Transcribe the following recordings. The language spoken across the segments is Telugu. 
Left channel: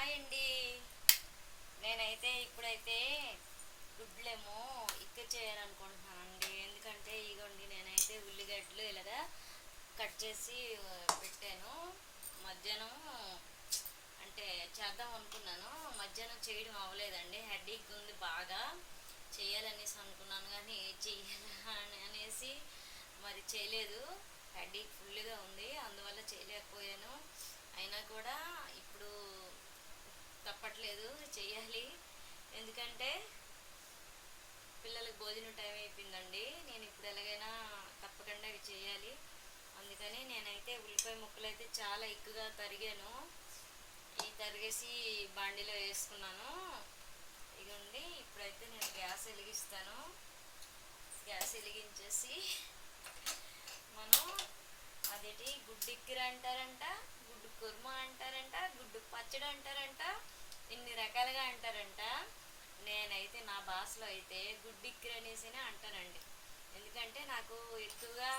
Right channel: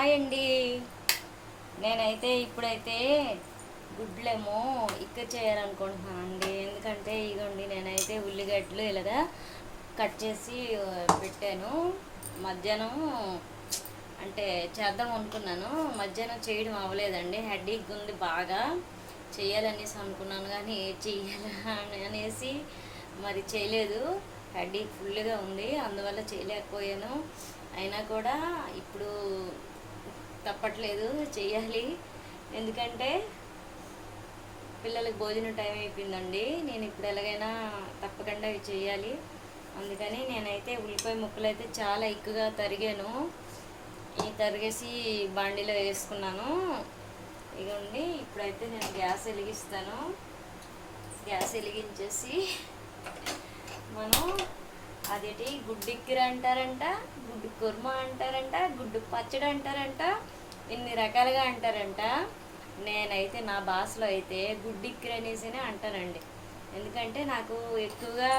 హాయ్ అండి. నేనైతే ఇప్పుడైతే గుడ్లేమో చేయాలనుకుంటున్నాను అండి. ఎందుకంటే ఇగోండి నేనైతే ఉల్లిగడ్డలు ఇలాగా కట్ చేసి పెట్టాను. మధ్యాహ్నం అంటే చేద్దాం అనుకున్నాను, మధ్యాహ్నం చేయడం అవ్వలేదండి. హెడేక్ ఉంది బాగా. చేయాలనేసి అనుకున్నాను కానీ చెయ్యాలా అనేసి మరి చేయలేదు. హెడేక్ ఫుల్గా ఉంది, అందువల్ల చేయలేకపోయాను. అయినా కూడా ఇప్పుడు తప్పట్లేదు, చెయ్యాలి. ఎందుకంటే పిల్లలకి భోజనం టైం అయిపోయిందండి. నేను ఇప్పుడు ఎలాగైనా తప్పకుండా ఇవి చేయాలి. అందుకని నేనైతే ఉల్లిపాయ ముక్కలు అయితే చాలా ఎక్కువగా తరిగాను. ఈ తరిగేసి బాండీలో వేసుకున్నాను. ఇదిగోండి, ఇప్పుడైతే నేను గ్యాస్ వెలిగిస్తాను. గ్యాస్ వెలిగించేసి మనం అదేంటి గుడ్డిక్కిర అంటారంట, గుడ్డు కుర్మా అంటారంట, గుడ్డు పచ్చడి అంటారంట, ఇన్ని రకాలుగా అంటారంట. నేనైతే నా భాషలో అయితే గుడ్డిక్కిర అనేసినే అంటానండి. ఎందుకంటే నాకు ఎక్కువగా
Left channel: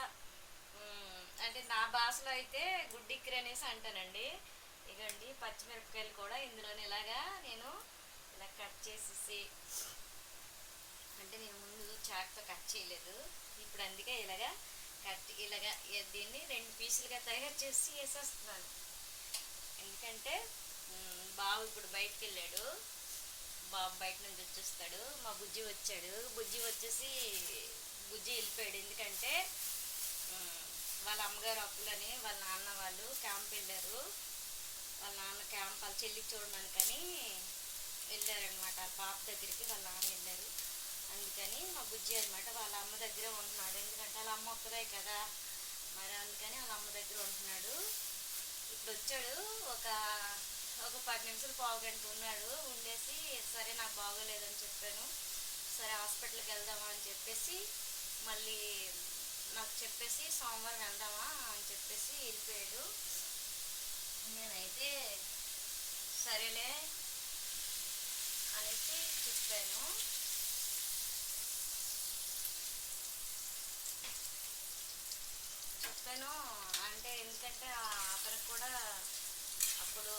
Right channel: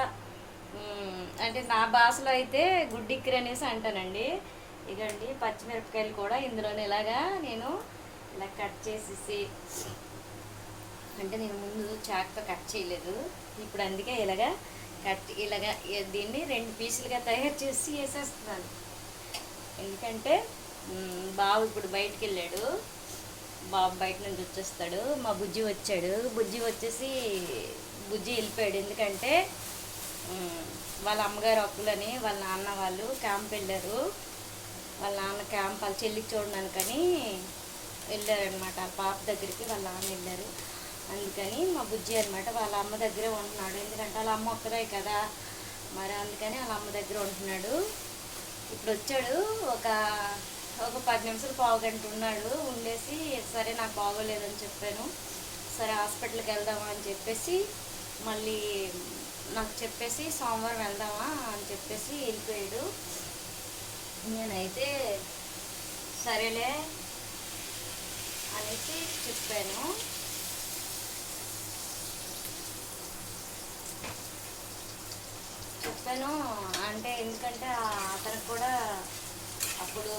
అంటే నా భాషలో అయితే గుడ్డిక్కిర అనేసి అంటానండి. ఇదండి పచ్చిమిరపకాయలు కూడా ఇందులోనే ఇలాగా నేను ఇలా కట్ చేసేసి, అంటే నేను ముందు చాక్తో కట్ చేయలేదు, ఇప్పుడు అందుకే ఇలాగా ఇలాగా దీన్ని 2 పీసులుగా తయారు చేసి వేసేస్తున్నాను. ఎందుకంటే బాబు ఇప్పుడు బయటికి వెళ్ళాడు, బాబు బయట నుంచి వచ్చేస్తాడు. మా బుజ్జి వచ్చాడు, బుజ్జి వచ్చేసి బుజ్జి వెళ్ళిపోయాడు. ఎందుకంటే వాళ్ళ అమ్మగారు అప్పులని వాళ్ళ నాన్న వాళ్ళు క్యాంప్ వెళ్ళారు. వాళ్ళ నాన్న క్యాంప్ వాళ్ళ చెల్లికి చూడడానికని వెళ్ళారనమాట. వాళ్ళ పాప దగ్గరికి వాళ్ళ నాన్న వెళ్ళారు. అందుకని మా బుజ్జి అనమాట వాళ్ళ అమ్మ దగ్గరే ఉంటున్నాడు. ఎందుకంటే వాళ్ళ అమ్మ ఒక్కదే కదా, మరి అందుకని వాళ్ళ అమ్మ దగ్గర ఉంటున్నాడు. ఇప్పుడు వచ్చాడు, ఒక 10 నిమిషాలు పావుగంట ఉన్నాడు. ఉండేసి సరే నాకు బాగోలేదని చెప్పాను, సరే హాస్పిటల్కి వెళ్దామా అని చెప్పేసి మళ్ళీ నాకు చెప్పేసి సోమవారం వెళ్దామా అని చెప్పేసి వెళ్ళిపోయాడు. నేనైతే సరేలే అనేసి చెప్పాను. అంటే ఎందుకంటే అతనికి కూడా అప్పుడు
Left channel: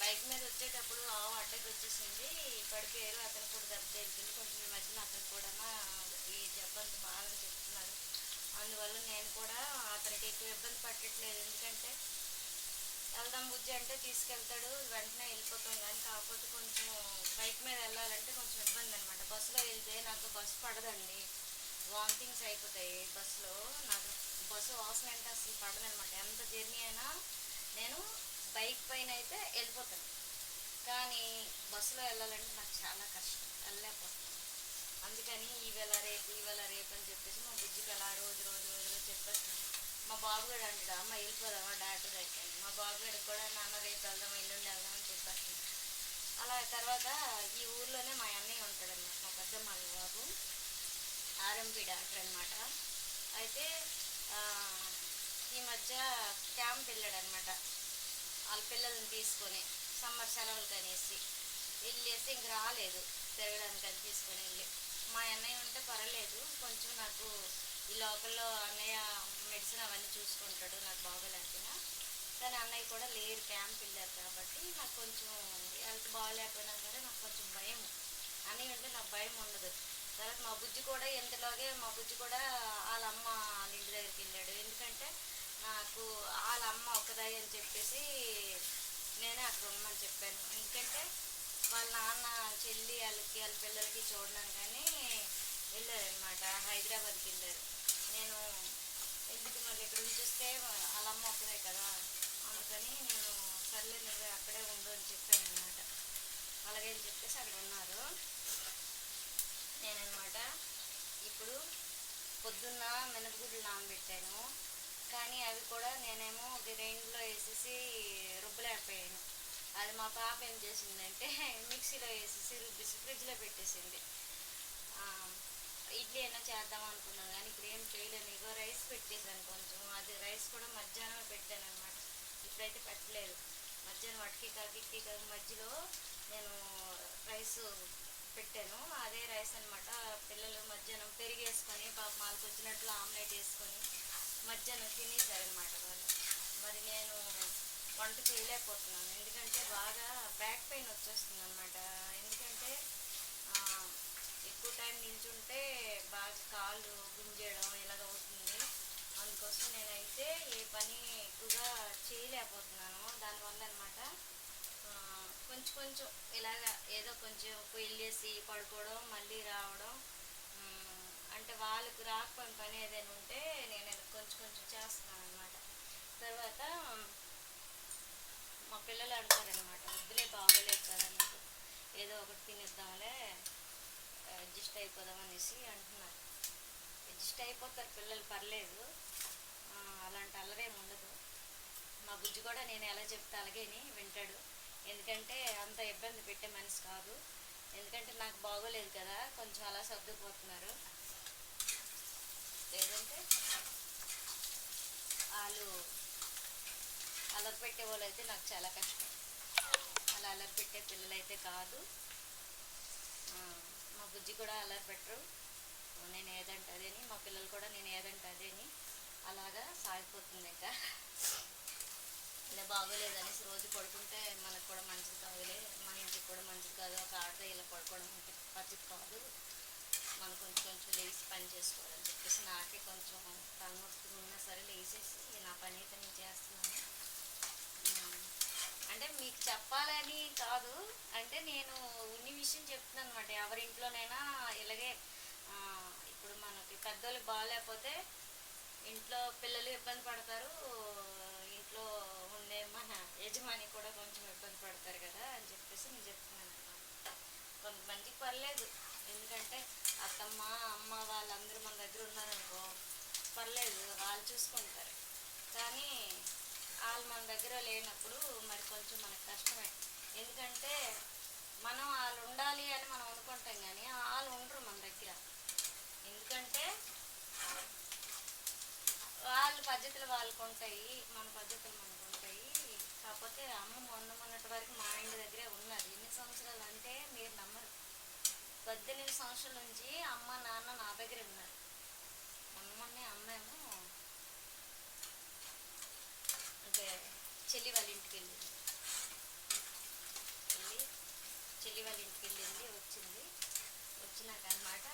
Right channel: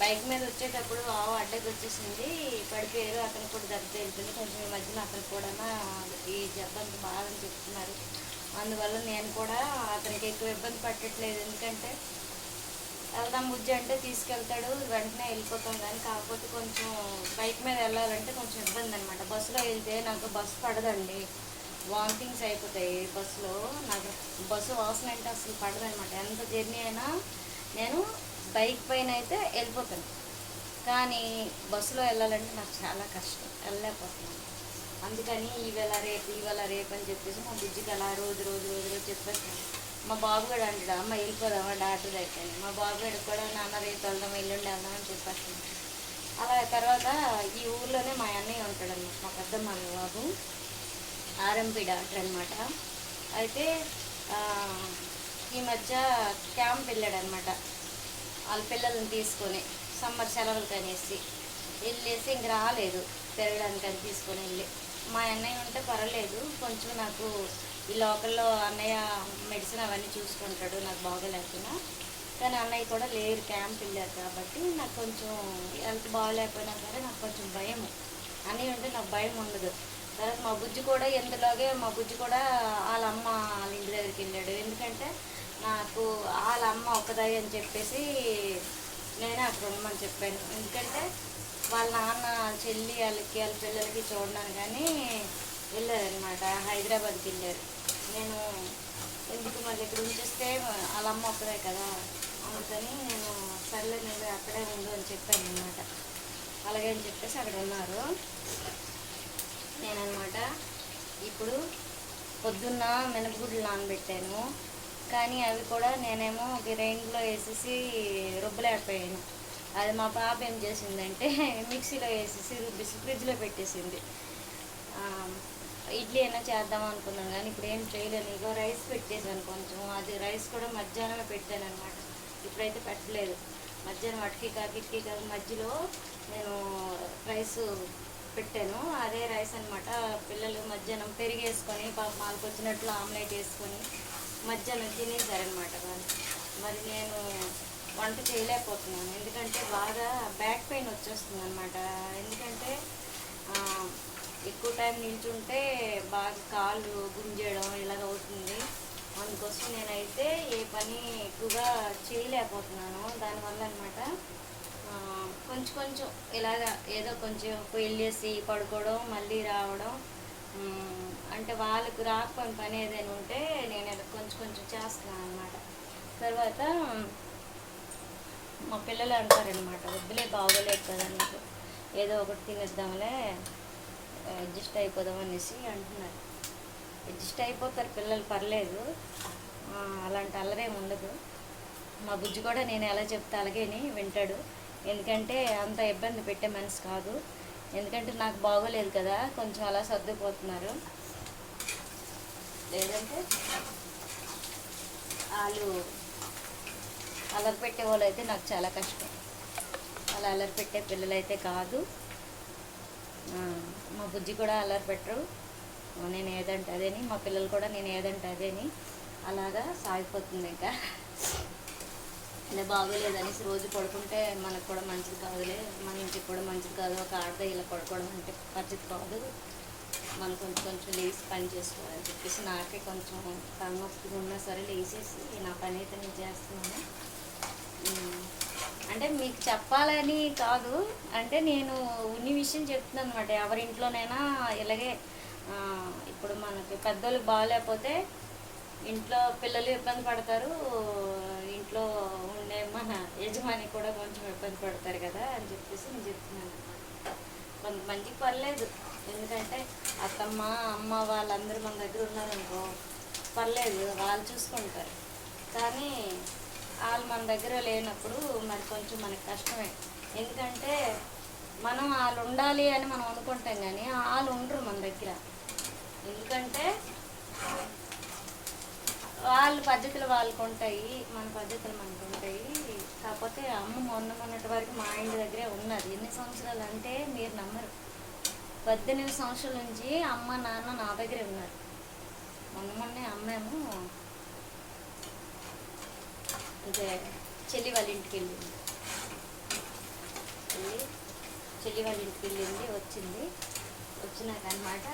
బైక్ మీద వచ్చేటప్పుడు అడ్డకి వచ్చేసింది, పడిపోయారు. అతనికి కూడా దెబ్బ తగిలిపోయింది కొంచెం. ఈ మధ్యన అతనికి కూడా ఈ జబ్బంత బాగాలని చెప్తున్నారు. అందువల్ల నేను కూడా అతనికి ఎక్కువ ఇబ్బంది పట్టట్లేదు. ఎందుకంటే వెళ్దాం బుజ్జి అంటే తీసుకెళ్తాడు, వెంటనే వెళ్ళిపోతాం. కానీ కాకపోతే కొంచెం బైక్ మీద వెళ్ళాలంటే కొంచెం ఇబ్బంది అనమాట. బస్సులో వెళ్తే నాకు బస్సు పడదండి, వామిటింగ్స్ అయిపోతాయి బస్సులో. నాకు బస్సు వాసన అంటే అసలు పడదనమాట. ఎంత జర్నీ అయినా నేను బైక్ పైన అయితే వెళ్ళిపోతాను, కానీ బస్సులో వెళ్ళాలంటే నాకు చాలా కష్టం, వెళ్ళలేకపోతున్నాను. అందుకని ఈవేళ రేపు అని చెప్పేసి మా బుజ్జికి అలా రోజు చెప్పేస్తాను. మా బాబు కూడా అంటాడు, అమ్మ వెళ్ళిపోదామా డాక్టర్ దగ్గర. మా బాబు కూడా నాన్న రేపు వెళ్దాం, ఎల్లుండి వెళ్దాం అని చెప్పేస్తాను. అలా తర్వాత ఈ ఊర్లోనే మా అన్నయ్య ఉంటాడన్నమాట, మా పెద్దమ్మ బాబు, ఆర్ఎంపీ డాక్టర్ అనమాట. అయితే ఈ మధ్య క్యాంప్ వెళ్ళాడనమాట వాళ్ళ పిల్లల్ని తీసుకొని, సమ్మర్ సెలవులు కనేసి వెళ్ళేసి ఇంక రాలేదు తిరగడానికని తీసుకొని వెళ్ళి. మా అన్నయ్య ఉంటే పర్వాలేదు, కొంచెం నాకు ఈ లోకల్లో అన్నయ్య మెడిసిన్ అవన్నీ చూసుకుంటాడు నాకు బాగోలేకపోయినా. కానీ అన్నయ్య కూడా లేరు, క్యాంప్ వెళ్ళారు కాబట్టి నాకు కొంచెం హెల్త్ బాగోలేకపోయినా సరే నాకు కొంచెం భయం. అన్నయ్య ఉంటే నాకు భయం ఉండదు. తర్వాత మా బుజ్జి కూడా ఎందులోగే మా బుజ్జి కూడా వాళ్ళ అమ్మ వాళ్ళ ఇంటి దగ్గరికి వెళ్ళాడు. ఎందుకంటే నాకు వాళ్ళ అమ్మ ఒక్కదాయి అని చెప్పేసి నేనే అక్కడ ఉండమని చెప్పాను. ఎందుకంటే వాళ్ళ నాన్న చెల్లి వాళ్ళ పిల్లలకి చూడడానికి కానీ వెళ్ళారనమాట, హైదరాబాద్కి వెళ్ళారు. నేను ఎందుకు మళ్ళీ ఇక్కడ ఉంచేస్తే వాళ్ళ అమ్మ ఒక్కదే కదా, అందుకని నేను సర్లే నేను అక్కడే ఉండు అని చెప్పాను అనమాట. అలాగే అని చెప్పేసి అక్కడ ఉన్నారు. నేననమాట ఇప్పుడు పొద్దున్న మినపగుడ్లు నానబెట్టాను, కానీ అవి కూడా నేనేమో గ్రైండ్లో వేసేసి రుబ్బలేకపోయాను. అది మా పాప ఏం చేసిందంటే మిక్సీలో వేసేసి రుబ్బేసి ఫ్రిడ్జ్లో పెట్టేసింది. ఇడ్లీ అయినా చేద్దాం అనుకున్నాను కానీ ఇప్పుడు ఏం చేయలేను. ఇగో రైస్ పెట్టేశాను కొంచెం, అది రైస్ కూడా మధ్యాహ్నమే పెట్టాను అనమాట, ఇప్పుడైతే పెట్టలేదు. మధ్యాహ్నం అటుకి కాకి మధ్యలో నేను రైస్ పెట్టాను, అదే రైస్ అనమాట. పిల్లలు మధ్యాహ్నం పెరిగేసుకొని పాప మాలకు వచ్చినట్లు ఆమ్లెట్ వేసుకొని మధ్యాహ్నం తినేసారనమాట వాళ్ళు. మరి నేను వంట చేయలేకపోతున్నాను, ఎందుకంటే అంటే బాగా బ్యాక్ పెయిన్ వచ్చేస్తుంది అనమాట. ఎందుకంటే ఎక్కువ టైం నిల్చుంటే బాగా కాళ్ళు గుంజేయడం ఇలాగ అవుతుంది. అందుకోసం నేనైతే ఏ పని ఎక్కువగా చేయలేకపోతున్నాను దానివల్ల అనమాట. కొంచెం కొంచెం ఇలాగ ఏదో కొంచెం వెళ్ళేసి పడుకోవడం మళ్ళీ రావడం, అంటే వాళ్ళకు రాకపోయిన పని ఏదైనా ఉంటే నేను ఇలా కొంచెం కొంచెం చేస్తున్నాను అనమాట. తర్వాత మా పిల్లలు అంటారనమాట, వద్దులే బాగోలేదు కదా నీకు, ఏదో ఒకటి తినేద్దాంలే అడ్జస్ట్ అయిపోదాం అనేసి అంటున్నారు. అడ్జస్ట్ అయిపోతారు పిల్లలు, పర్లేదు, అలాంటి అల్లరేం ఉండదు. మా బుజ్జి కూడా నేను ఎలా చెప్తే అలాగేని వింటాడు. ఎందుకంటే అంత ఇబ్బంది పెట్టే మనిషి కాదు. ఎందుకంటే నాకు బాగోలేదు కదా, కొంచెం అలా సర్దుకుపోతున్నారు. లేదంటే వాళ్ళు అల్లరి పెట్టే వాళ్ళు అయితే నాకు చాలా కష్టం. అలా అల్లరి పెట్టే పిల్లలు అయితే కాదు. మా బుజ్జి కూడా అల్లరి పెట్టరు. నేను ఏదంటే అదేని, మా పిల్లలు కూడా నేను ఏదంటే అదేని అలాగా సాగిపోతుంది. ఇంకా ఇలా బాగోలేదనేసి రోజు పడుకుంటే మనకు కూడా మంచిది కాదులే, మన ఇంటికి కూడా మంచిది కాదు. ఒక ఆడద ఇలా పడుకోవడం అంటే పరిస్థితి కాదు. మనం కొంచెం కొంచెం లేచి పని చేసుకోవాలని చెప్పేసి నాకే కొంచెం తలనొప్పిగా ఉన్నా సరే లేచేసి నా పని అయితే నేను చేస్తున్నాను. అంటే మీకు చెప్పాలని కాదు, అంటే నేను ఉన్ని విషయం చెప్తున్నాను అనమాట. ఎవరింట్లోనైనా ఇలాగే ఇప్పుడు మనకి పెద్దోళ్ళకి బాగాలేకపోతే ఇంట్లో పిల్లలు ఇబ్బంది పడతారు, ఇంట్లో ఉండే మన యజమాని కూడా కొంచెం ఇబ్బంది పడతారు కదా అని చెప్పేసి నేను చెప్తున్నాను. కొంతమందికి పర్లేదు, ఎందుకంటే అత్తమ్మ అమ్మ వాళ్ళందరూ మన దగ్గర ఉన్నారనుకో పర్లేదు, వాళ్ళు చూసుకుంటారు. కానీ వాళ్ళు మన దగ్గర లేనప్పుడు మరి కొంచెం మనకి కష్టమే. ఎందుకంటే మనం వాళ్ళు ఉండాలి అని మనం అనుకుంటాం, కానీ వాళ్ళు ఉండరు మన దగ్గర. ఎందుకంటే వాళ్ళ పద్ధతులు వాళ్ళకు ఉంటాయి, మన పద్ధతులు మనకు ఉంటాయి. కాకపోతే అమ్మ మొన్నటి వరకు మా ఇంటి దగ్గరే ఉన్నది. ఎన్ని సంవత్సరాలు అంటే మీరు నమ్మరు, 18 సంవత్సరాల నుంచి అమ్మ నాన్న నా దగ్గరే ఉన్నారు. మొన్నే అమ్మేమో అంటే చెల్లి వాళ్ళ ఇంటికి వెళ్ళింది, చెల్లి వాళ్ళ ఇంటికి వెళ్ళింది, వచ్చినాక అనమాట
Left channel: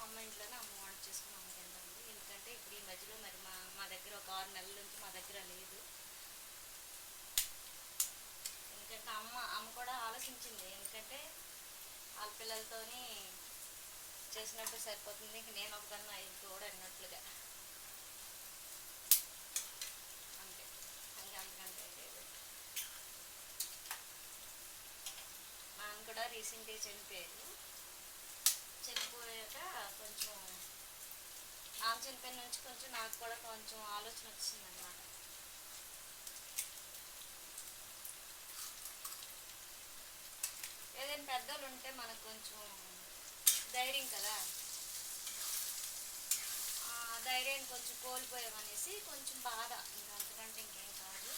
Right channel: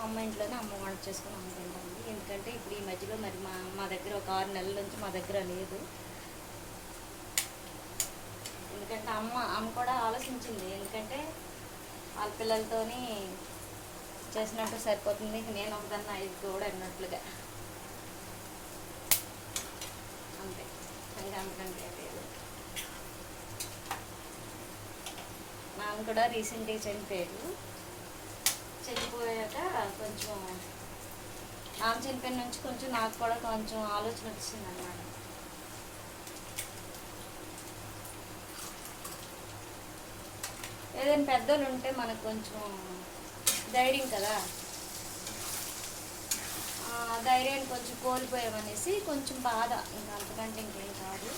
అమ్మ ఇంట్లోనే అమ్మ వంట చేసుకుని అమ్మ తింటుంది. ఎందుకంటే ఇప్పుడు ఈ మధ్యలో మరి మా దగ్గర ఒక 6 నెలల నుంచి మా దగ్గర లేదు. ఎందుకంటే అమ్మ కూడా ఆలోచించింది, ఎందుకంటే వాళ్ళ పిల్లలతోని చేసినట్టు సరిపోతుంది, నేను ఒకదాన్ని 5 కూడా అన్నట్లుగా, అంతే, ఇంకా అంతకంటే లేదు. నాన్న కూడా రీసెంట్గా చనిపోయాడు. చనిపోయాక కొంచెం నాన్న చనిపోయిన నుంచి కొంచెం నాకు కూడా కొంచెం ఆలోచన వచ్చింది అన్నమాట. ఏదైనా పెద్దోళ్ళు ఉంటే మనకు కొంచెం ధైర్యం కదా, ధైర్యాన్ని కొంచెం కోల్పోయామనేసి కొంచెం బాధ, ఇంకా అంతకంటే ఇంకేం కాదు.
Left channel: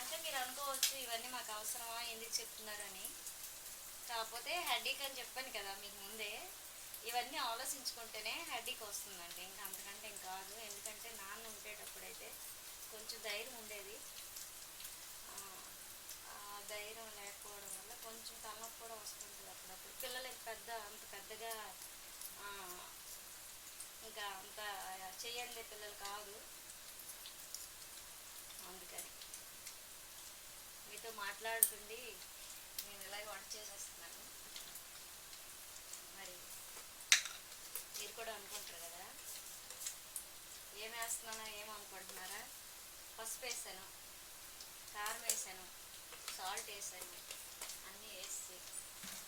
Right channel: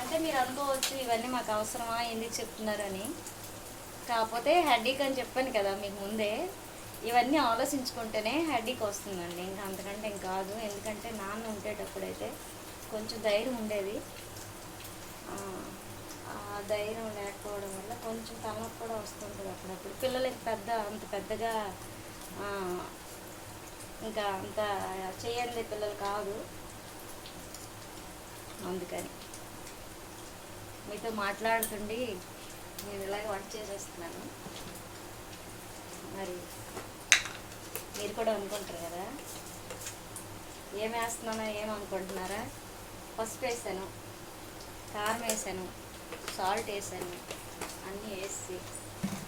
అంటే మీరు అనుకోవచ్చు ఇవన్నీ మాకు అవసరమా, ఎందుకు చెప్తున్నారని. కాకపోతే హెడ్డీక్ అని చెప్పాను కదా మీకు ముందే, ఇవన్నీ ఆలోచించుకుంటేనే హెడ్డీక్ వస్తుందండి, ఇంకా అంతకంటే ఏం కాదు. ఎందుకంటే నాన్న ఉండేటప్పుడైతే కొంచెం ధైర్యం ఉండేది, ధైర్యం లేకపోవడం వల్ల కొంచెం తలనొప్పి కూడా వస్తుంటుంది అప్పుడప్పుడు. పిల్లలకి అంత పెద్దగా ఇంకా అంత చేయండి పిల్లలు కాదు. అందుకని మీతో మాట్లాడుతుండి నేను ఇలాగే వంట చేసేస్తున్నాను. మరి మీరు కూడా అనుకుంటారు కదా ఏం వేస్తున్నానో ఏమనుకుంటున్నారా. పసుపు వేసాను, కారం వేసాను, సాల్ట్ వేసాను, అన్నీ వేసి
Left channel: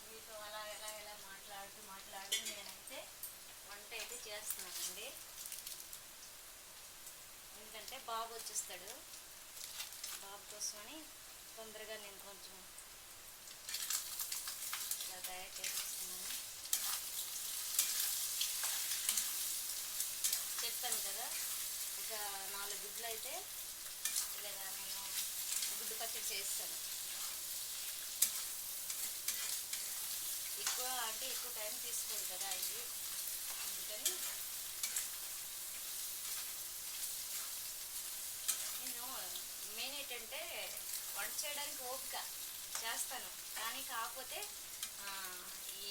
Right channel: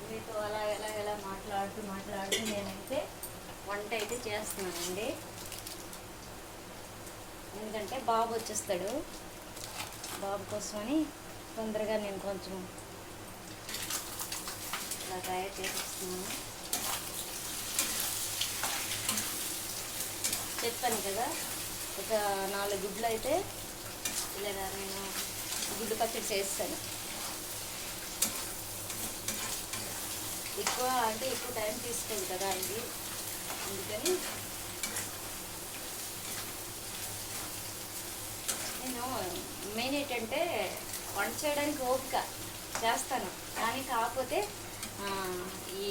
మీతో అలా ఎలా మాట్లాడుతూ నేనైతే వంట అయితే చేస్తున్నానండి. ఎందుకంటే బాబు వచ్చేస్తాడు, బాబు కోసమని తొందరగా నేను కొంచెం ఇలా తయారు చేసేస్తున్నాను. చెప్పాను కదా ఒక 4 గుడ్లు అయితే ఇలాగా నేను గుడ్డు పచ్చడి చేస్తాను. ఎక్కువ టైం తీసుకోదు కదా ఇది, అందుకని మెయిన్ ఏంటంటే వంట చేయడానికి ఓపిక చేస్తాను, కానీ కాకపోతే ఈ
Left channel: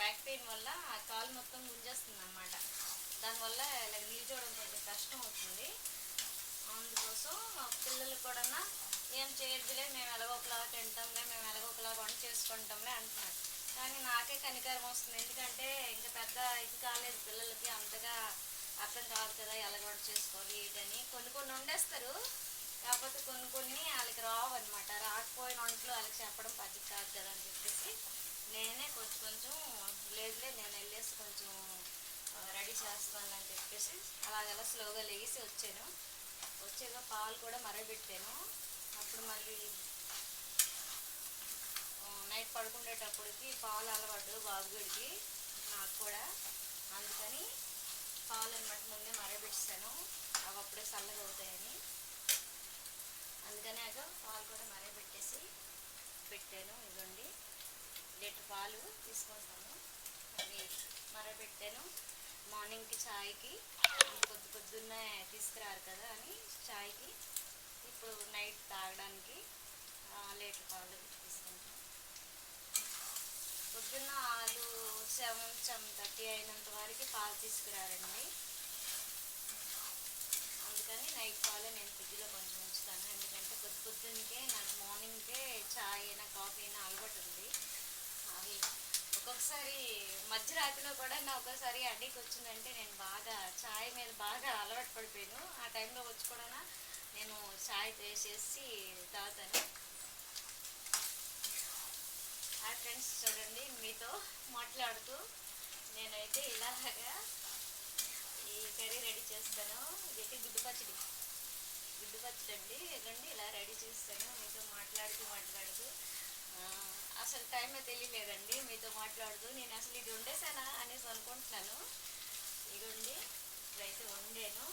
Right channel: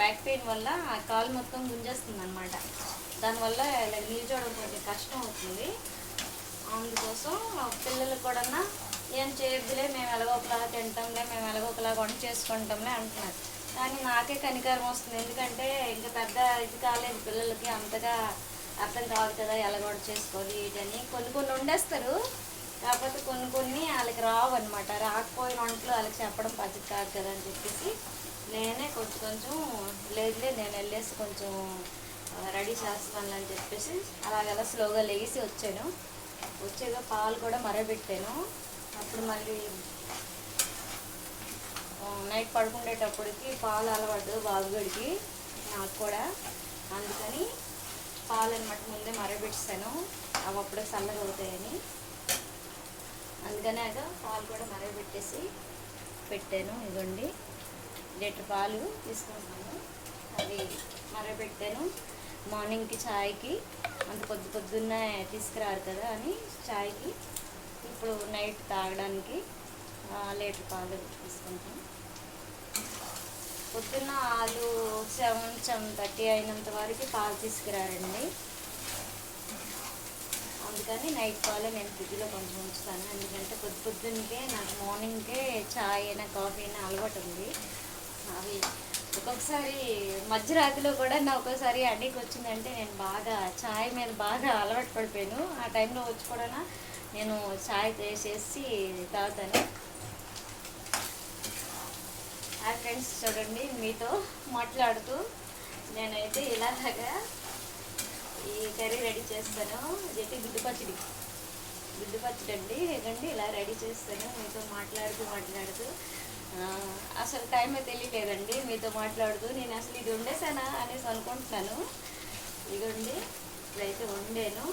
బ్యాక్ పెయిన్ వల్ల ఆ కాలు మొత్తం గుంజేస్తుంది అనమాట. దానివల్ల ఇలా నిల్చోవడం కొంచెం కష్టం అవుతుంది. అందుకోసం పిల్లలకు కూడా ఏం చేయొద్దులే, మేము ఎలాగోకలా తింటాంలే, మేము ఎలాగోకలా వంట చేసుకుంటాంలే అంటున్నారు. కానీ నాకే కనికరం వస్తుంది, ఎందుకంటే ఇంకా పెద్ద ఇది కాలేదు పిల్లలకి, అంతగా అర్థం కాదు కదా ఎలా వంట చేసుకోవాలి ఏంటని. కొన్ని కొన్ని వండేస్తారు, కాకపోతే కొన్ని కొన్ని వాళ్ళకి రావు అనమాట. రాకపోయిన వంటలు వాళ్ళకి చెప్పడం పద్ధతి కాదు కదా అని చెప్పేసి నేనే కొంచెం కొంచెం లేదులే నేను వెళ్ళేసి కొంచెం రెడీ చేస్తాను అని చెప్పేసి అలాగలా స్లోగా లేచి వచ్చాను. వచ్చేగా పాలు కూడా మరగబెట్టాను. అప్పుడు మళ్ళీ నైట్ పడుకునేటప్పటికి పాలు అలవాటు బాబుగడికి నాకు కూడా, అందుకని పాలు అనమాట ముందే మరగబెట్టాను, అవి అప్పుడే చల్లగా అవుతాయని. అందుకనే పాలు కూడా మరగబెట్టేసి పెట్టాను. ఇదిగోండి లీటర్ పాలు తీసుకుంటున్నాను, అవి మరగబెట్టాను. మార్నింగ్కి ఛాయ్కి అంత పొద్దున్నే తీసుకురారు కదా అని ఛాయ్కి, ఇప్పుడు నైట్ తాగడానికి లీటర్ పాలు తీసుకుంటాం. పొద్దున్న 7:30 అయినంత వరకు పాలు తీసుకురారండి, అందుకని నైట్ పాలు నేను ఫ్రిడ్జ్లో కొంచెం ఉంచుతాను. ఎందుకంటే పొద్దున్నకే నాకు మార్నింగ్కే ఛాయ్ అయినా కాఫీ అయినా అలవాటు ఉంది. అవి ఒక్కొక్కసారి మధ్యరాత్రిలో కూడా నా ఒక్కోసారి అడిగి వచ్చిందంటే నేను బాగా ఛాయ్ మీద బాగా అలవాటు పడిపోయాను. ఆ టైంలో వచ్చి కూడా నేను ఛాయ్ వేసేసి తాగుతాను. ఆ ఫ్రెండ్స్ చూడండి, మీతో మాట్లాడుతూ నేనైతే ఇలాగా ఈ కర్రీ రెడీ చేస్తాను. ఇదైతే గుడ్డు పచ్చడి అండి. ఇదండి ఇలా రెడీ చేస్తాను మీతో మాట్లాడుతూ అసలు టైమే తెలియలేదండి మీతో మాట్లాడుతూ. నేను అసలు ఇది వండేసానా అనేసి అనుకుంటున్నాను. ఇదిగోండి ఇప్పుడైతే వండాను.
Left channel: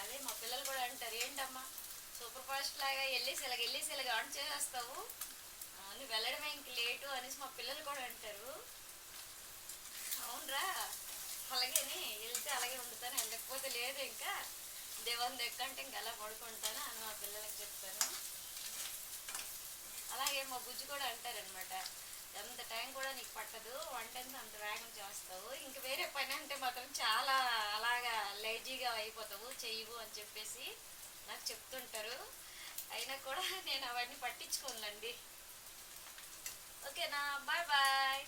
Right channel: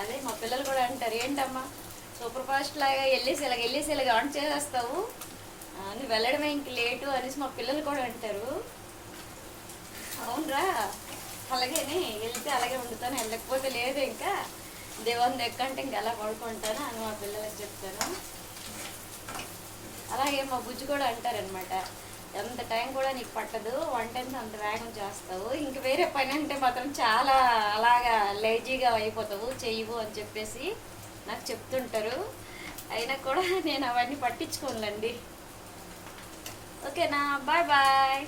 అదే మా పిల్లలు కూడా అంటారు, ఏంటమ్మా సూపర్ ఫాస్ట్ లాగా వెళ్ళేసి ఇలాగ ఆన్ చేసేస్తావు, నువ్వు వెళ్ళడమే ఇంక లేటు అనేసి మా పిల్లలు కూడా అంటారు. అవునరా, అలాగేనే వెళ్తే అలాగే వండుతాను, వెళ్ళకపోతే లేదు ఇంకా దేవుని ఎక్కంటే ఇంక అలా పడుకుంటాను అని మా పిల్లలకు చెప్తాను. అలాగే మా బుజ్జి కూడా అంటారనమాట, ఎంత టైం కూడా నీకు పట్టదు, వంట అంత వేగం చేస్తావు, ఇంక వేరే పని అంటే మాత్రం చాలా అలాగా లేజీగా అయిపోతావు, చెయ్యవు అని చెప్పేసి నాకు చెప్తుంటారు. అయినా కూడా నేను అవన్నీ పట్టించుకోనులేండి. ఓకేనా, బాయ్ బాయ్.